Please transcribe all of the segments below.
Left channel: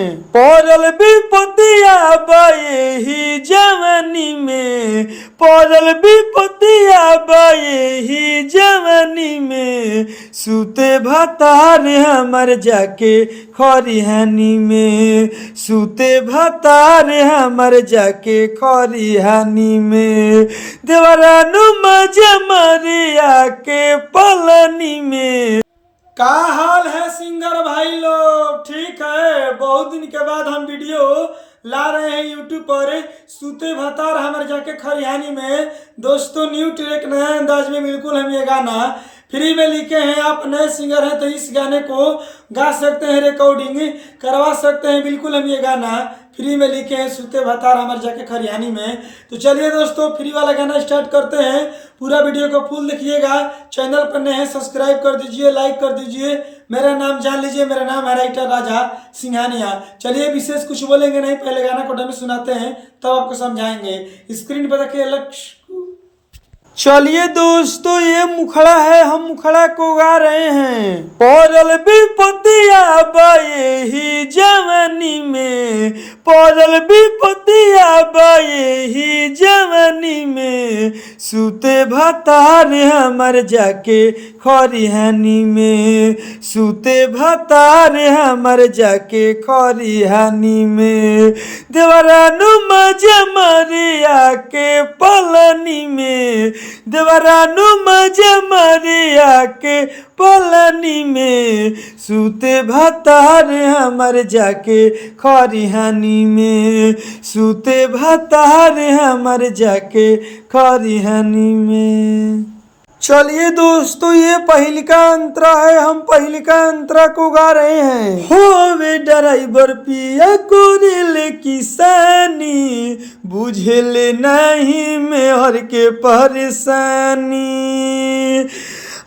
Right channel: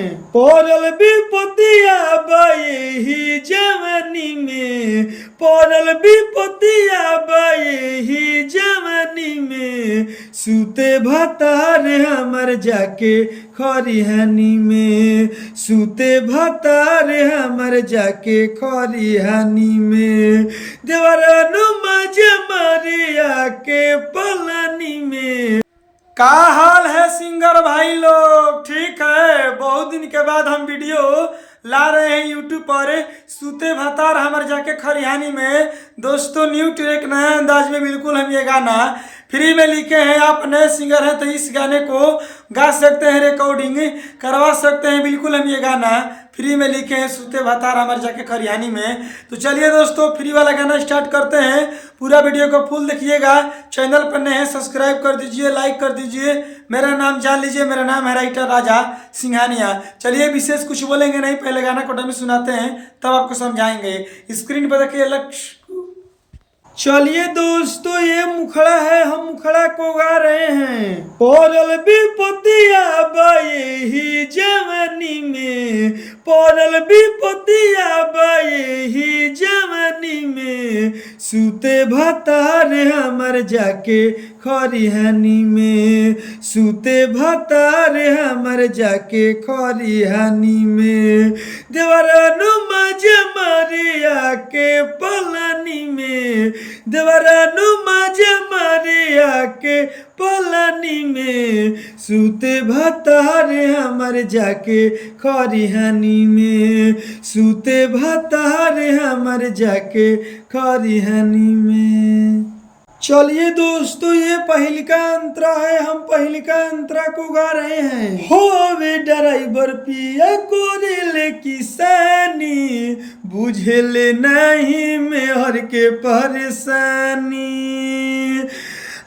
हैं। पड़ल विपतिया बाए ही जवानी में, पड़ल विपतिया बाए ही जवानी में, सूते भतार हमर जाके खरिहानी में, सूते भतार हमर जाके खरिहानी में, देवरानु मजा मरिया के पलनी में। का हाल है सिंगर भाई लोग, ठीक है? बहुत दिन के बाद हम वीडियो ला रहे हैं यूट्यूब पर। सूते भतार हमर जाके खरिहानी में। दोस्तों न्यू ट्रैक, नया अंदाज में बिल्कुल हम ये गाना फ्री में लिखे हैं। आप नए सिंगर हैं तो इस गाने को गा सकते हैं, रिकॉर्डिंग करवा सकते हैं। बिल्कुल हम ये गाना फ्री में लिखे हैं, सूते भतार हमर जाके खरिहानी में। तो चलिए दोस्तों फ्री वाला गाना स्टार्ट करते हैं। पूरा वीडियो को फुल देखिएगा। चैनल पर नए हैं सब्सक्राइब कर दीजिए, लाइक कर दीजिए। मेरा नाम जान लीजिए, मेरा नाम है राइटर राजा सिंघानिया। चलिए विशेष कुछ बोलेंगे नहीं, पहले गाना को डमी सुनाते हैं तब आपको समझाएंगे। स्क्रीन पर देखिए लक्ष्य। चलिए दोस्तों ये मुखड़ा है, हम मुखड़ा को गा रहे हैं। पड़ल विपतिया बाए ही जवानी में, पड़ल विपतिया बाए ही जवानी में, सूते भतार हमर जाके खरिहानी में, सूते भतार हमर जाके खरिहानी में, देवरानु मजा मरिया के पलनी में, देवरानु मजा मरिया के पलनी में, सूते भतार हमर जाके खरिहानी में, सूते भतार हमर जाके खरिहानी में। चलिए दोस्तों ये पहिलका अंतरा है, हम पहिलका अंतरा को गा रहे हैं। होवे ड्राइवर पिया कोरेले किसानी, बुझेले नहीं मेहर के परेशानी।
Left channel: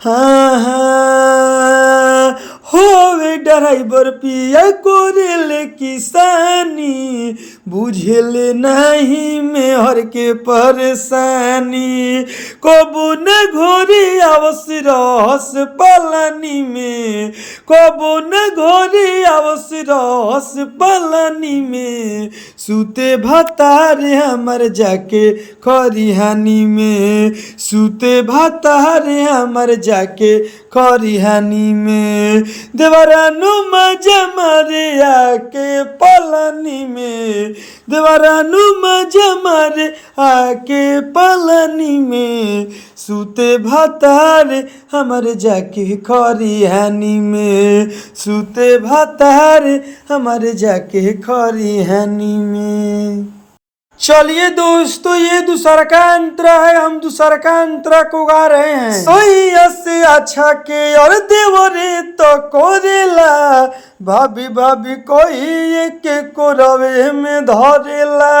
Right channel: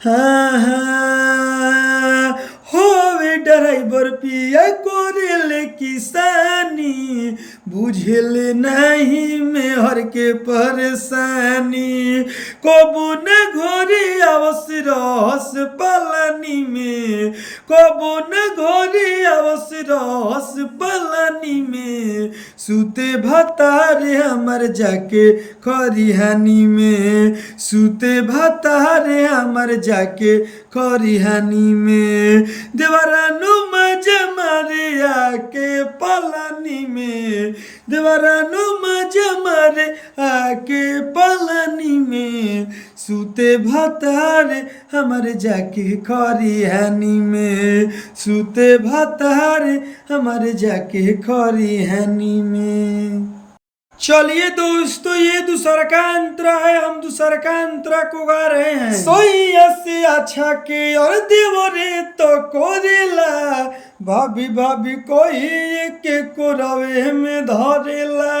हाँ हाँ होवे ड्राइवर पिया कोरेले किसानी, बुझेले नहीं मेहर के परेशानी। कबू न घोरी अवश्य रहस पलानी में, कबू न घोरी अवश्य रहस पलानी में, सूते भतार हमर जाके खरिहानी में, सूते भतार हमर जाके खरिहानी में, देवरानु मजा मरिया के पलानी में, देवरानु मजा मरिया के पलानी में, सूते भतार हमर जाके खरिहानी में, सूते भतार हमर जाके खरिहानी में। चलिए दोस्तों ये दूसरा का अंतरा है, हम दूसरा का अंतरा को गा रहे हैं। सोइया से अच्छा के और देवरे तो कोरेला, भाभी भाभी कोई एक को रवे में धरेला।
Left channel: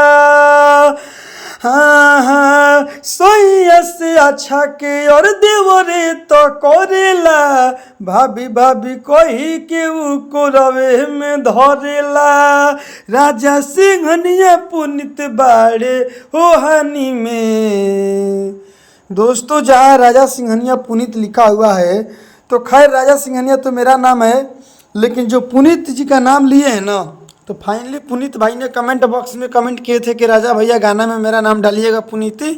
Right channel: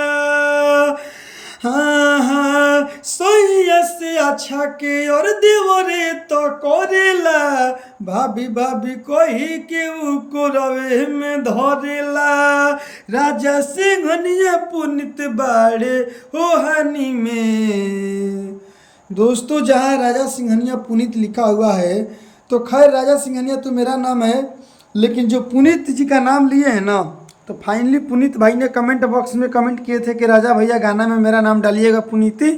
हाँ हाँ सोइया से अच्छा के और देवरे तो कोरेला, भाभी भाभी कोई के को रवे में धरेला। राजा सिंघनिया पुनित बाड़े ओहानी में। दोस्तों जहाँ राजा सिंघनिया पुनीत लिखा हुआ है तो खैर राजा सिंघनिया तो मेरा नाम है, लेकिन जो पुनीत जी का नाम लिए हैं ना, तो फाइनली पुनीत भाई ने कमेंट बॉक्स में कमेंट किए थे कि राजा भैया गाना में मेरा नाम डालिएगा पुनीति।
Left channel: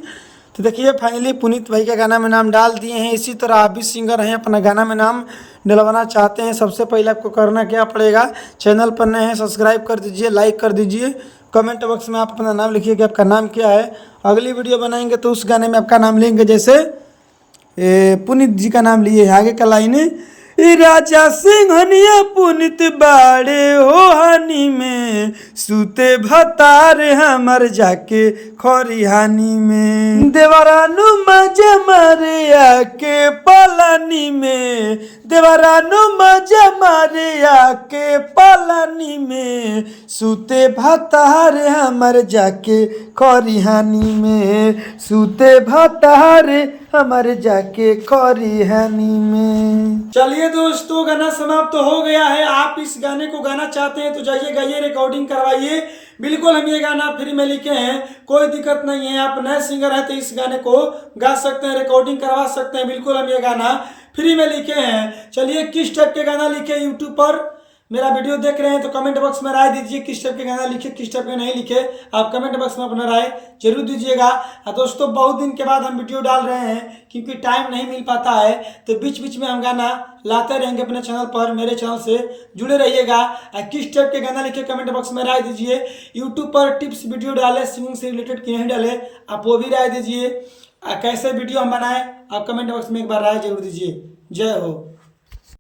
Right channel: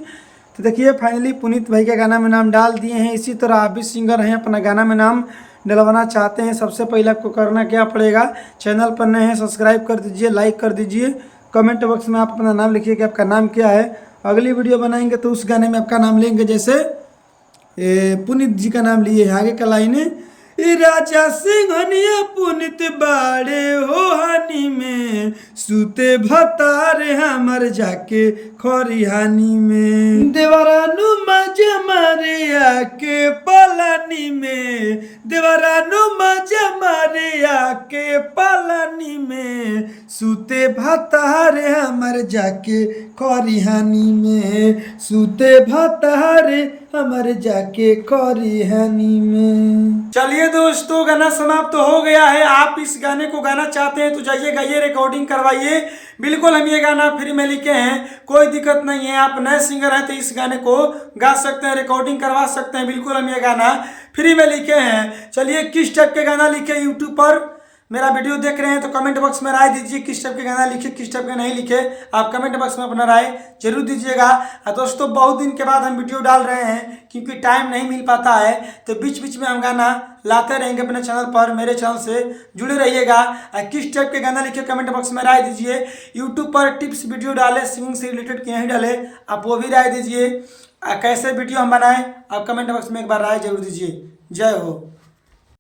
तो देखिए फाइनली पुनीत भाई के गाना में नाम डाल दिए हैं। इसी तरह आप भी सिंगर हैं, अपना गाना में नाम डलवाना चाहते हैं, सबसे पहले आपको करना क्या पड़ेगा, चैनल पर नए हैं सब्सक्राइब कर दीजिए, लाइक कर दीजिए, कमेंट बॉक्स में आप अपना नाम लिखिए कि आपका नाम क्या है। अगली वीडियो बनाएंगे तो उस गाने में आपका नाम लेंगे, जैसे पुनीत जी का नाम लिए आगे का लाइन, राजा सिंघनिया पुनित बाड़े ओहानी में, सूते भतार हमर जाके खरिहानी में, देवरानु मजा मरिया के पलानी में, देवरानु मजा मरिया के पलानी में, सूते भतार हमर जाके खरिहानी में, सूते भतार हमर जाके खरिहानी में। चलिए दोस्तों गाना समाप्त तो हो गया है। आप इस गाने को गाना चाहते हैं तो जाइए गाइए, रिकॉर्डिंग करवाइए। बिल्कुल हम ये गाना फ्री में लिखे हैं, कोई दिक्कत नहीं है। आप नए सिंगर हैं तो इस गाने को गा सकते हैं, रिकॉर्डिंग करवा सकते हैं। बिल्कुल हम ये गाना फ्री में लिखे हैं। चलिए किस टाइप के गाना लिखे यूट्यूब पर मेरा वीडियो देख रहे हैं तो कमेंट बॉक्स में राय दीजिए, किस टाइप के गाना लिखे, किस टाइप के नहीं लिखे। आप कमेंट बॉक्स में अपना राय जरूर दीजिएगा। दोस्तों बहुत दिन के बाद हम वीडियो डाल रहे हैं क्योंकि टाइम नहीं मिल पाता है, तो बीच बीच में हम गाना लाते रहेंगे अपने चैनल पर। मेरे चैनल से जुड़े रहिएगा। किस टाइप के गाना लिखे कमेंट बॉक्स में राय दीजिए। यूट्यूब पर टिप्स वीडियो डाले सिंगिंग से रिलेटेड कि नहीं डाले, आप वो भी राय दीजिए। कैसे वीडियो हम बनाएं आप कमेंट बॉक्स में एक बार राय जरूर दीजिए। जय हो।